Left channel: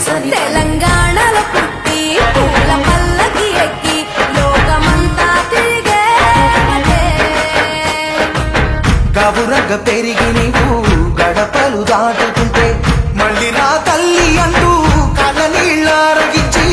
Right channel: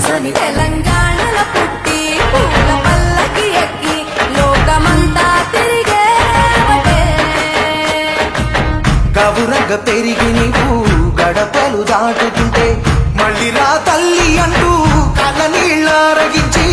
సని తెలంగాణలో పుట్టి పూల పల్లకి ఎక్కి లోకమంతా తిరిగేవటే. గవురగ పెరిగి నీవు గడపలు దాటుతుంటే మళ్ళీ రా తల్లి అంటూ కళ్ళ నీళ్ళ రగించి